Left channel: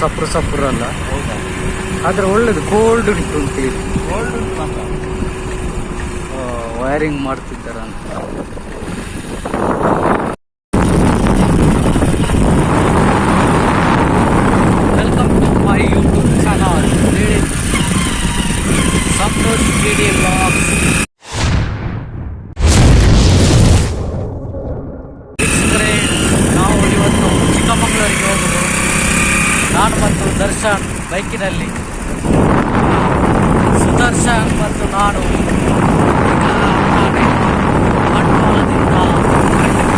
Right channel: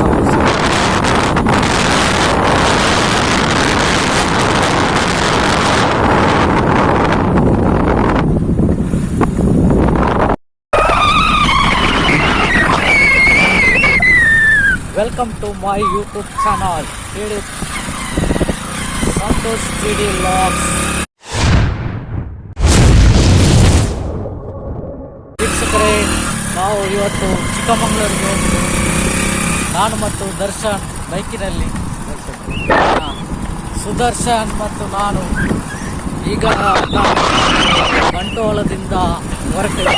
ಸಪ್ರ ಅಲ್ಲ ಅದು ಒಳ್ಳೆ cold wiring welcome to my YouTube channel ಹೇಳಿ ಸಂತೋಷ್ ಡಿ ಡಿ ಲಾಗ್ ವೀಕ್ಷಕರೇ, ನಾವು ಇವತ್ತು ಚಿಕ್ಕಮಗಳೂರಿಗೆ ನಾನು ಮತ್ತು ದರ್ಶನ್ ಬೈಕಿನಲ್ಲಿ. ಸುದರ್ಶನ್ ಮತ್ತು ನಾನು ಈಗ ಬಂಡವಾಳದಿಂದ ಹೊರಗಡೆ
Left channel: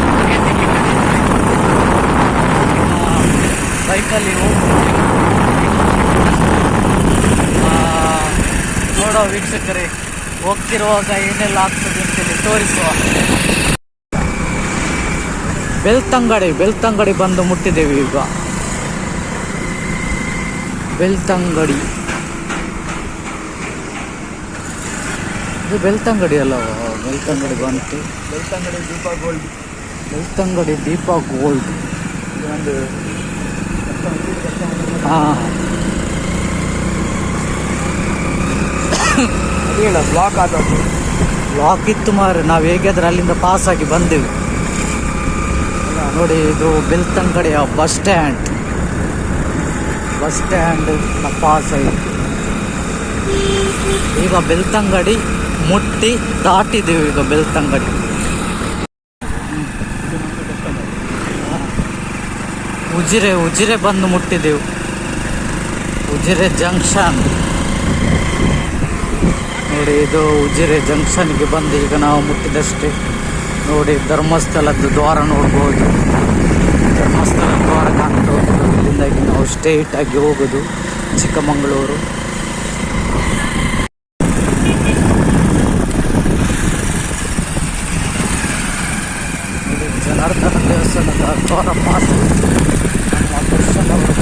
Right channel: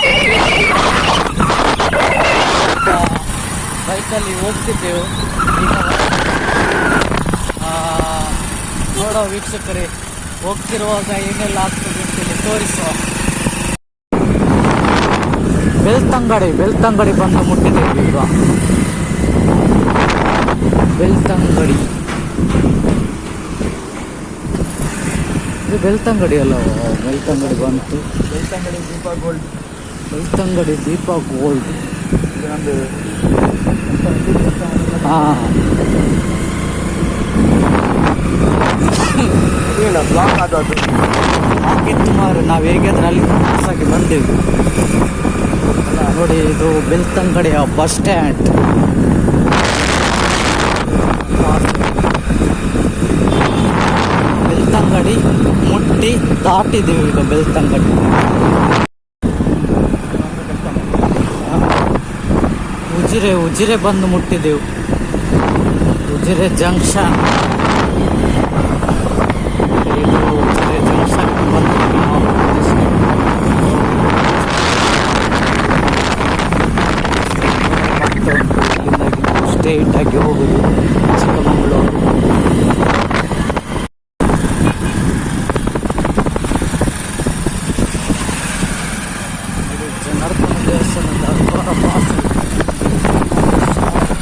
ಬೈಕಲ್ಲಿ ಹೋಗ್ತಿದ್ದೇವೆ. ಈಗ ನೋಡೋ ವೀಕ್ಷಕರೇ, ಹೋಗ್ತಿರುವಾಗ ಏನೆಲ್ಲ ಆಗ್ತದೆ ಅಂತೇಳಿ ತೋರಿಸುವ. ಬೆಳ್ತಂಗಡಿ ಬೆಳ್ತಂಗಡಿ ಬಂದು ಮುಟ್ಟಿದ್ದೇವೆ ಈಗ. ಬೆಳ್ತಂಗಡಿ. ಇದು ಬೆಳ್ತಂಗಡಿ ಅಲ್ಲ ಬೆಳ್ತಂಗಡಿ ಬಂತು. ಬೆಳ್ತಂಗಡಿ ದೀಪ ಗೋಲ್ಡ್. ಬೆಳ್ತಂಗಡಿ ದೀಪ ಗೋಲ್ಡ್. ಒಂದು ಹಾಂ. ಇಲ್ಲ ಬ್ಲಾಕ್ ಆದದ್ದು. ಹಾಕಿತ್ತು ಮಾರೆ ನಾವು ಹೇಗಾದ್ರೆ ಅಲ್ಲಿಂದ ಪಾಸ್ ಆಗಿ ಬಂದೆವು. ನೋಡಿ ಇದು ಬೆಳ್ತಂಗಡಿಯ ಬಸ್ ಸ್ಟ್ಯಾಂಡ್ ಪಾಸ್ ಈಗ ಬೆಳ್ತಂಗಡಿ ಮುಟ್ಟಿ ದಾಟಿದ್ದೀವಿ ಈಗ ಬೆಳ್ತಂಗಡಿ. ಉಜಿರೆ ಉಜಿರೆ ಬಂದು ಮುಟ್ಟಿದ್ದೆವು ಉಜಿರೆ ಜಂಕ್ಷನ್. ನೋಡಿ, ಇದು ಉಜಿರೆ ಜಂಕ್ಷನ್ಗೆ ಬಂದು ಈಗ ನಾವು ಮುಟ್ಟಿದಷ್ಟು ನೋಡಿ, ಧರ್ಮಸ್ಥಳಕ್ಕೆ ದ್ವಾರ ನೋಡ್ಬೋದು. ಧರ್ಮಸ್ಥಳ ದ್ವಾರ ಕಾಣ್ತಾ ಉಂಟು ಇಲ್ಲಿಂದ ಈಗ ನಾವು ಸ್ಟೇಟ್ ಆಗಿ ಹೋಗೋದು ಚಿಕ್ಕಮಗಳೂರು ಇದು ಜನಾರ್ದನ ದೇವಸ್ಥಾನದ ದ್ವಾರ ಪಾಸ್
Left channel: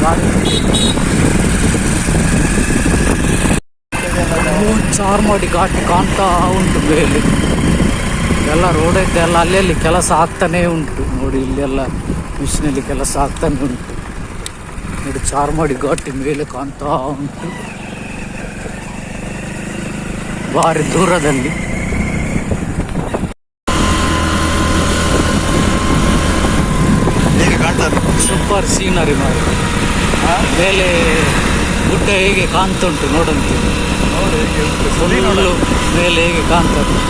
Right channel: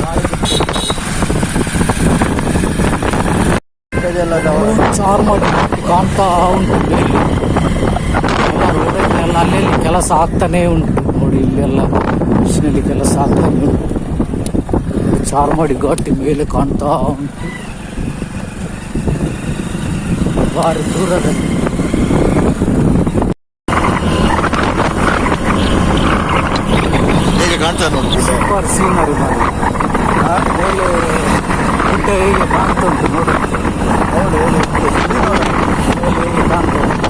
ಗಾಳಿ ಚಾರ್ಮಾಡಿ ಘಾಟಿ ಕಾಣ್ತಾ ಉಂಟು ಬೇಲಿ ಎಲ್ಲ ರೋಡಕ್ಕೆಲ್ಲ ಎಲ್ಲ ಅಲ್ಲಲ್ಲಿ ಕೆಲಸ ಆಗ್ತಾನೇ ಉಂಟು. ನೋಡಿ ಇಲ್ಲೆಲ್ಲ ಮಿಷಿನಲ್ಲಿ ಕೆಲಸ ಆಗ್ತಾನೆ ಉಂಟು. ಚಾರ್ಮಾಡಿ ಘಾಟಿ ಮೇಲೆ ಕಾಣ್ತಾ ಉಂಟು. ಭಾರಿ ದೂರದಲ್ಲಿ. ಸೂಪರ್ ಸೀನರಿ ಮಾಡಿ ಮೇಲೆ ಗುಡ್ಡ ಹೇಗೆ ಕಾಣ್ತಾ ಉಂಟು ನೋಡಂತೆ ಮೇಲೆ ಹೇಗೆ ಕಾಣ್ತಾ ಉಂಟು?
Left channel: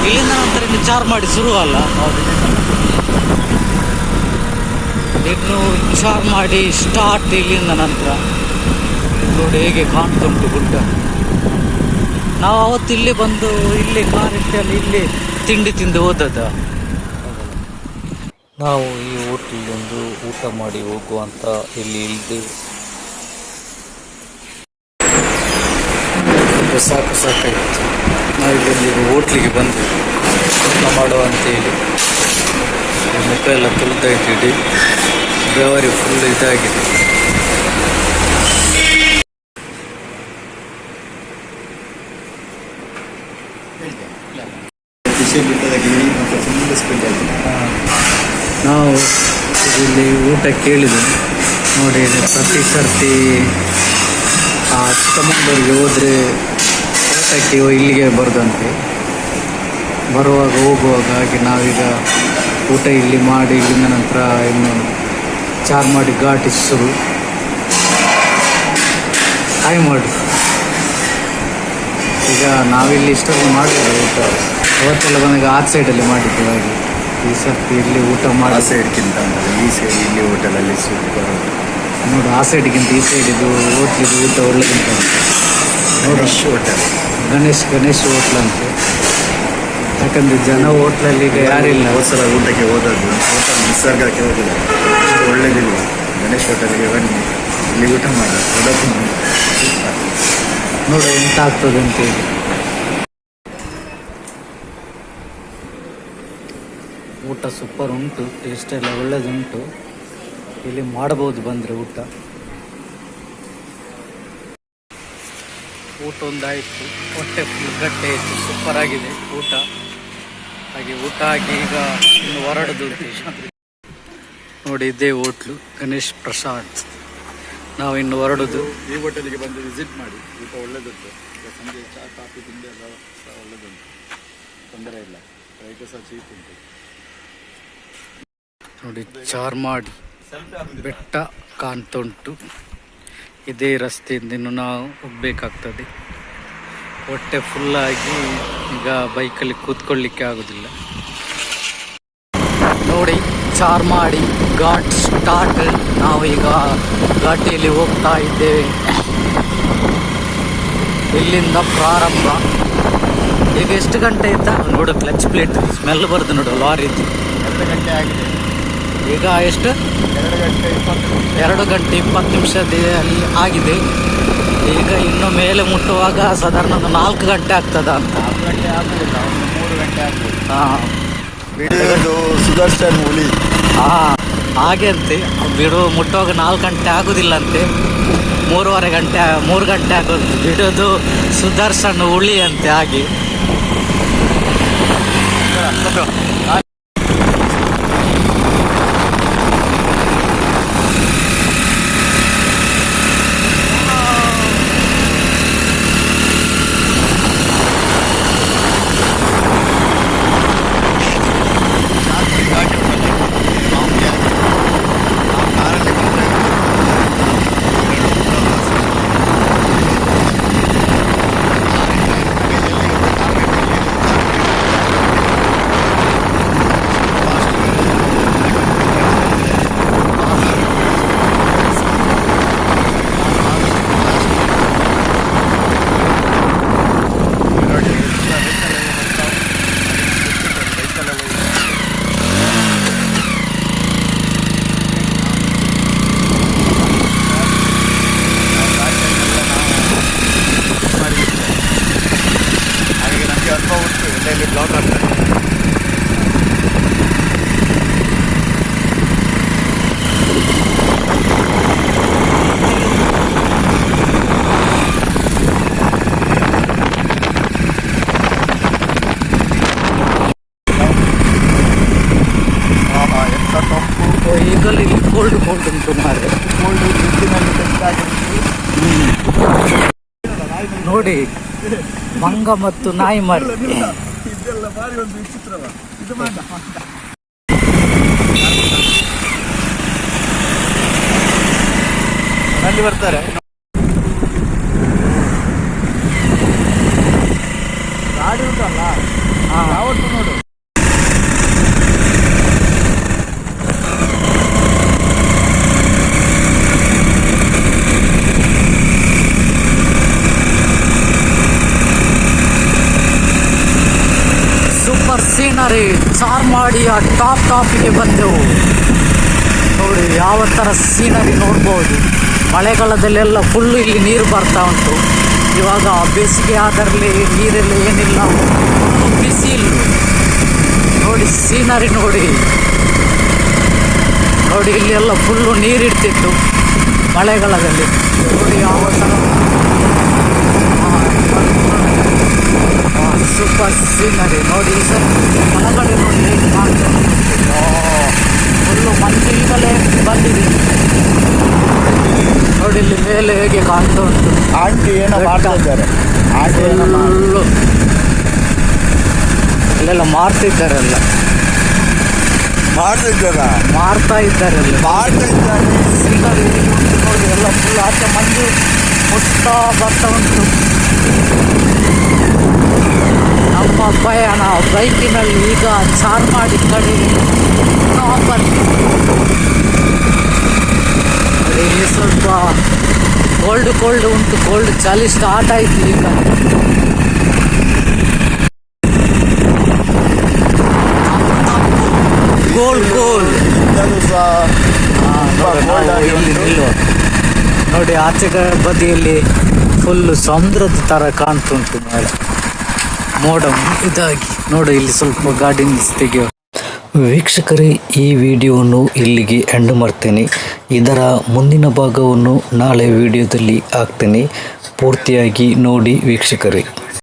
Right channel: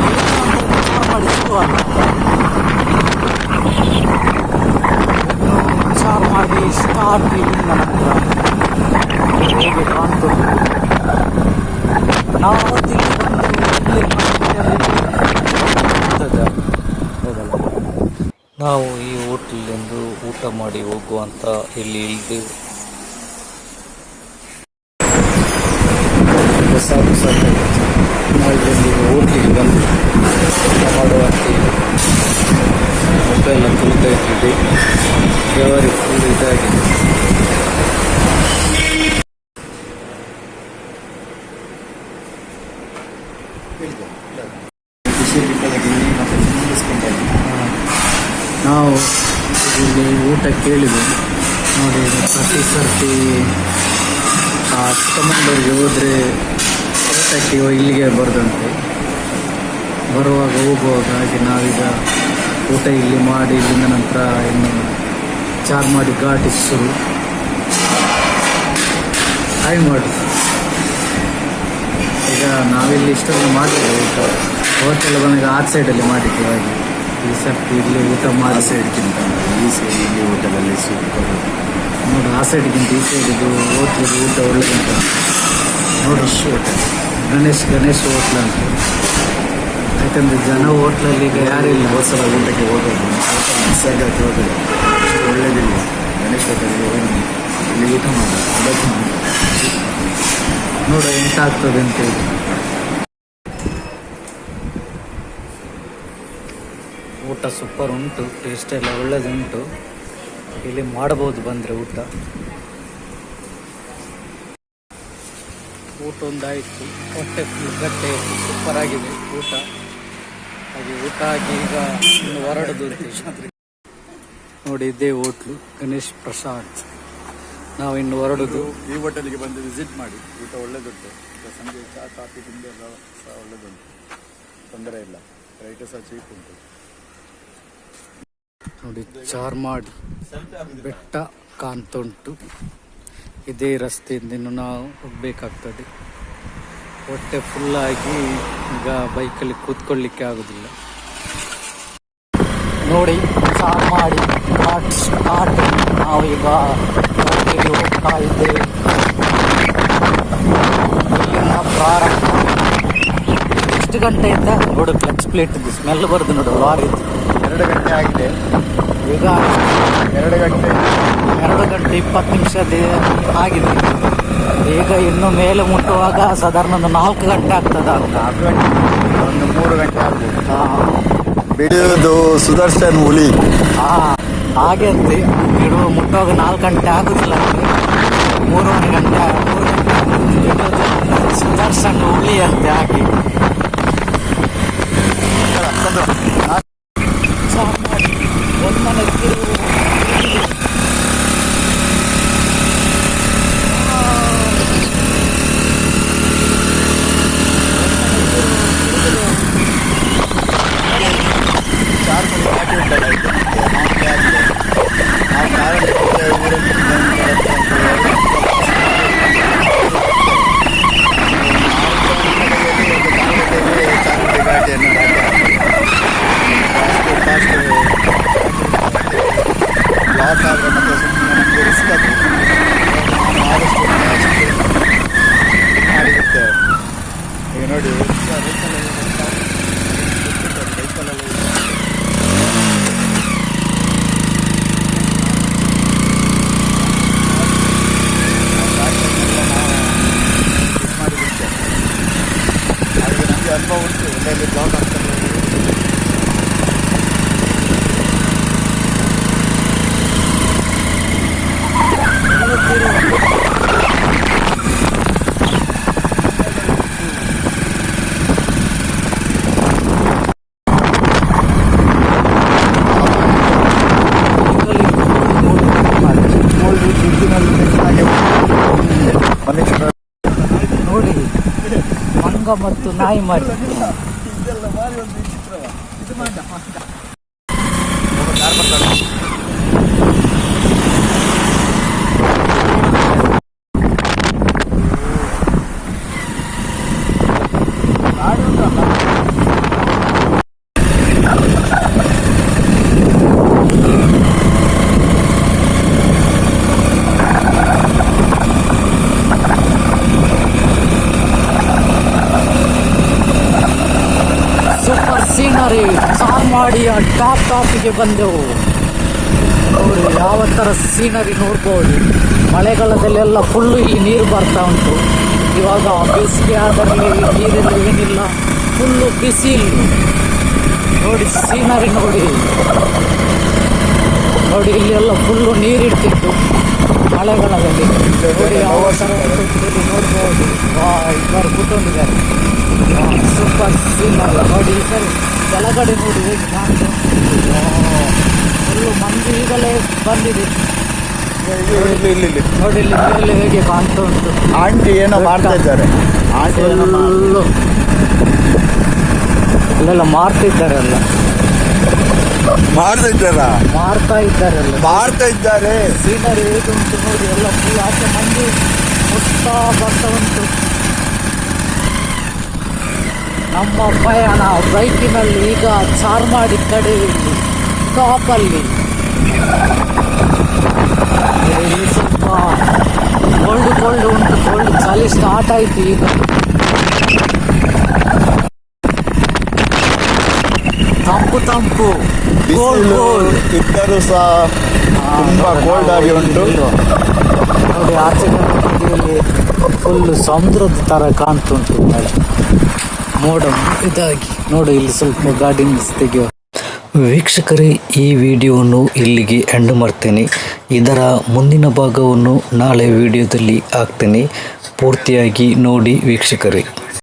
ಇಲ್ಲಿಂದ ಅಂತ ವಿಚಾರ ಚಾರ್ ಮಾಡಿ ಶುರು ಅಲ್ಲ ಇನ್ನು ವಿಚಾರ ಮಾಡಿ ಸ್ಟಾರ್ಟ್ ಇಲ್ಲಿಂದ ನಂತರ ನೋಡಿ ಹೇಗೆ ಕಾಣ್ತುಂಟು ಗುಡ್ಡ. ನಾವು ಅವತ್ತು ಇಲ್ಲಿ ಬಂದು ಇಲ್ಲಿ ಕಾಣ್ತಿದ್ದೆಲ್ಲ ಇಲ್ಲಿ ತಿಂಡಿ ತಿಂದು ಹೋದದ ನಾವು ಈ ಹೋಟ್ಲಲ್ಲಿ ಒಂದು ಊಟ ಮಾಡಿ ಹೋಗುವಂತ ಇಲ್ಲಿ ಇಳಿದೆವು ಸಾಕು ಸಾಕಾಯ್ತು ಹೋಟ್ಲಿಗೆ ಬಂದೆ. ಊಟ ಮಾಡುವ ಅಂತ ಹೇಳಿ ಮುಖ ಎಲ್ಲ ತುಳ್ತಾ ಇದ್ದೀವಿ ಬೆವರಿ ಫುಲ್ ಇದಾಗಿದೆ. ನಾವು ಇಲ್ಲಿ ಊಟ ಕೇಳಿದ್ವಿ. ನೋಡಿ ಪ್ರತಿ ಸರ್ತಿ ಆ ಚಿಕ್ಕಮಂಗ್ಳೂರಿಗೆ ಹೋದರೆ ಊಟಕ್ಕೆ ಇಲ್ಲಿಗೆ ಬರೋದಂತೆ. ಬರುವಾಗ ಹೋಗುವಾಗ ಹಾಗೆ ನಾವೀಗ ಊಟ ಇಲ್ಲಿ ಮಾಡಿ ಇಲ್ಲಿಂದ ನಂತರ ಇನ್ನು ಚಾರ್ಮಾಡಿ ಘಾಟಿ ಶುರು. ಹಾಗೆ ಮಾಡಿ ಈಗ ನಾವಿಲ್ಲಿ ಇಷ್ಟೊಂದು ಮಾಡಿದ್ವಿ ಊಟ. ಅವತ್ತೆಲ್ಲ ಬಂದಾಗ ಆ ಸೈಡಲ್ಲಿ ಮಾಡಿದ್ವಿ ಹಾಗೆ. ಈ ಸರ್ತಿ ಇಲ್ಲಿ ಊಟ ಆ ಮಾಡಿ. ಸೈಡ್ಗಿಂತ ಈ ಸೈಡ್ ಇಲ್ಲಿ ಹೋಟೆಲಲ್ಲಿ ಸೂಪರ್ ನೋಡು ಆ ಸೈಡ್ಗಿಂತ ಈ ಸೈಡ್ ಇದು ಹೋಟ್ಲಿದು ಊಟ ಒಳ್ಳೆಗಿಂತ ನೋಡು. ಹೋಟೆಲ್ ಗಣೇಶ್ ಗಣೇಶ್ ಹೋಟ್ಲ್ ಅಂತ. ಯಾಕಂದ್ರೆ ಜನ ಹೋಟ್ಲಲ್ಲಿ ಈಗ ಯಾರಿಲ್ಲ ಹೋದ್ಸಲ ಊಟಕ್ಕೆ ಹೋದದ್ದು. ನಿಸರ್ಗಕ್ಕೆ ಹೋಗಿಲ್ಲ ಒಳ್ಳೇದಿಲ್ಲ ಗಣೇಶ ಹೋಟೆಲ್ಗೆ ಬನ್ನಿ. ಇಲ್ಲಿ ಊಟ ಮಾಡ ಅದಕ್ಕೆ ನೋಡ ಎಂತ ಆಗ್ತದೆ ಅಂತ ಹೇಳಿ. ಊಟ ಸೂಪರ್ ಉಂಟು ಟೇಸ್ಟ್ ಎಲ್ಲ ಒಳ್ಳೇದುಂಟು. ಇಲ್ಲಿ ಮಾಡಬಹುದು ಬಂದ್ರೆ ಊಟ. ಊಟ ಒಂದಾಯಿತು. ಹೊಟ್ಟೆ ಫುಲ್ ಗಟ್ಟೆ ಇತ್ತು ಸೂಪರ್ ಆಗಿದೆ ಊಟ. ಹಾಗೆ ಊಟ ಹಾಕಿ ಈಗ ಇನ್ನು ಹೊರಡುದು ನೋಡಿ ಇದೇ ಹೋಟ್ಲು ಗಣೇಶ್ ಪ್ರಸಾದ್. ನಾವು ಇನ್ನು ಹೊರಡುದು. ಈ ಹೋಟೆಲ್ಗೆ ಬಂದು ವಿಸಿಟ್ ಮಾಡಿ. ಊಟ ಒಳ್ಳೇದುಂಟು. ಈಗ ಸಂಜೆ ಚಹಾ ಕಾಫಿ ತಿಂಡಿ ಎಲ್ಲ ಸಹ ಒಳ್ಳೆದುಂಟು. ತೊಂದರೆ ಇಲ್ಲ. ರೈಟ್ ಸಹ ಚೀಪ್ ಉಂಟು. ನೋಡಿ ಚಾರ್ಮಾಡಿ ಬೆಟ್ಟ ಕಾಣ್ತುಂಟು ಇದೇ ರಸ್ತೆಯಿಂದ ಇನ್ನು ನಾವು ಹೋಗ್ಬೇಕಾಗ್ತದೆ. ಹೊಟ್ಟೆ ಫುಲ್ಲಾಗಿ ಈಗ ಬೈಕಲ್ಲಿ ಕೂತ್ಕೊಳ್ಳಿಕ್ಕೆ ಆಗೋದಿಲ್ಲ. ನೋಡಿ ಚಾರ್ ಮಾಡಿ ಘಾಟ್ ಸ್ಟಾರ್ಟ್ ನಾವು ಈಗ ಘಾಟಿಯಲ್ಲಿ ಹೋಗ್ತಾ ಇದ್ದೇವೆ. ಇಲ್ಲಿಂದ ಪ್ರಾರಂಭ. ಈಗ ಎಷ್ಟು ಗಂಟೆ ಆಯ್ತಾ? ನೋಡು ಕ್ಲಚ್ ಪ್ಲೇಟ್ ಸ್ಮೆಲ್ ಬರ್ದು ನೋಡು ಲಾರಿ ಎರಡು ಗಂಟೆ ಆಗಿದೆ. ಈಗ ಎಷ್ಟು? ಎರಡು ಗಂಟೆ. ಎರಡು ಗಂಟೆ ಇಪ್ಪತ್ತು ನಿಮಿಷ ಆಗಿದೆ. ಈಗ ಇನ್ನು ಮೇಲೆ ಮುಟ್ಟುವಾಗ ಸಾಧಾರಣ ಒಂದು ನಾಲ್ಕು ಗಂಟೆ ಆಗ್ತದ ಅಂತ. ಆಗಿದೆ. ಆಗಿದೆ ಹಾ. ಬಿಡಿಯೋದು ಸುದರ್ಶನ್ ಹುಲಿ. ಹಾ ಹಾಗೆ ಅಂತೆ. ಬಿಡು ಮುಟ್ಟುವಾಗ ನಾಲ್ಕು ಗಂಟೆ ಆಗುದಿಲ್ಲಂತೆ ಮೂರುವರೆ ಗಂಟೆ ಮೂರು ಗಂಟೆ ಆಗುತ್ತೆ ಬಿಡೋದು ಸುದರ್ಶನ್ ಹುಳಿ ಅಂತೆ ಹಾಗೆ ಚಾರ್ಮಡಿ ಘಾಟಿ ಉಂಟಲ್ಲ ಮಾಮೂಲಿ ಆಗಿ ನಾವು ಕಾರಲ್ಲಿ ಹೋಗ್ತೇವೆ ಮೂರು ನೋಡಿ ವೆಹಿಕಲ್ ವೆಹಿಕಲ್ ಹಾಗೆ ನಮಗೆ ಎಲ್ಲೆಲ್ಲಿ ಬ್ಲಾಕ್ ಆಗ್ತದೆ ನೋಡಿ ಮಂಗ ಮತ್ತು ನಾಯಿ ಮರಿ. ಇದೆಲ್ಲ ಭಾರಿ ಒಂದು ವಿಚಿತ್ರವ ಇದು ಮಾಡ ಅಲ್ಲಿ ಸೂಪರ್ ಮಾಡಿ ಆ ಟಾಪ್ ಟಾಪಿಗೆ ಬಂದೆವು. ನೋಡಿ, ಯಾವ ಥರ ಸೀನರಿ ನೋಡ್ಬೋದು. ಮಳೆಗಾಲದಲ್ಲೆಲ್ಲ ಫುಲ್ಲು ಇಲ್ಲಿ ನೀರು ಬರ್ತಾ ಉಂಟು. ಇವಾಗ ಬೇಸಿಗೆ ಅದರಲ್ಲಿ ನೀರೆಲ್ಲ ಏನಿಲ್ಲ ಫುಲ್ಲು ಬಿಸಿಲು ನೋಡಿ, ಸೀನರಿ ನೋಡಿ. ನೋಡಿ ಇಲ್ಲಿ ಎಲ್ಲ ಫುಲ್ಲು ನೀರಿಡ್ತಿತ್ತು ಮಳೆಗಾಲದಲ್ಲಿ. ನೋಡಿ, ಯಾವ ಥರ ಸೂಪರ್ ಸೀನರಿ ನೋಡಿ ಸರ್ ಸರಿ. ಕೆಳಗಡೆ ನೋಡಿ ಹೇಗೆ ಕಾಣ್ತಾ ಫುಲ್ಲು ಮಂದಿ ಈಗಲೇ ಬಂದಿದೆ. ನೋಡಿ ಇಲ್ಲಿ ಮೇಲೆ ಹೇಗೆ ಕಾಣ್ತಾ ಉಂಟು. ಆಂಟಿ ಏನೋ ಮಾಡ್ತಾ ಇದ್ದಾರೆ. ಫುಲ್ಲು ಇಲ್ಲೆಲ್ಲ ಮಾರ್ತಿದ್ದಾರಲ್ಲ. ಮಾಡ್ತಾ ಇದ್ದಾರಲ್ಲ ಮಾರ್ತಾ ಇದ್ದಾರೆ ಎಲ್ಲ ಮಾಡ್ತಾ ಇದ್ದಾರೆ. ಸೀನರಿ ಹೇಗೆ ಉಂಟು ನೋಡಿ ಎಲ್ಲ ಫುಲ್ ಆಚೆ ಮಂದಿ ಮುಟ್ತಾ ಬರ್ತಾ ಉಂಟು. ನಮ್ಮ ಪಯಣ ಬೈಕಿನಲ್ಲಿ ಈಗ ಚಾರ್ಮಾಡಿ ಕಡೆ ಟಾಪಲ್ಲಿ. ಸ್ವಲ್ಪ ಕೋಲ್ಡ್ ಕೋಲ್ಡ್ ಉಂಟು ಕೋಲ್ಡ್ ಚಳಿ ಸ್ಟಾರ್ಟ್ ಆಯ್ತು ಈಗ. ತಂಪು ತಂಪು. ಗೋಲ್ ಗೋಲ್ ನೋಡಿ, ಆಚೆ ಬದಿಯಲ್ಲಿ ಫುಲ್ ಸಮುದ್ರದ ತರ ಕಾಣ್ತುಂಟು ಮೋಡ. ಇದಾಗಿ. ನೋಡಿ ಇಲ್ಲಿ ಸ್ವಲ್ಪ ನಿಲ್ಸಿ ತೆಗೆಯುವ ವೀಕ್ಷಕರೇ ಈ ವಿಡಿಯೋವನ್ನು ಇಲ್ಲಿಗೆ ಎಂಡ್ ಮಾಡ್ತೇನೆ. ಇದರ ಮುಂದಿನ ಭಾಗವನ್ನು ನಾಳೆ ವಿಡಿಯೋದಲ್ಲಿ ಹಾಕ್ತೇನೆ. ಪೂರ್ತಿಯಾಗಿ ನೋಡಿ ವೀಕ್ಷಕರೇ.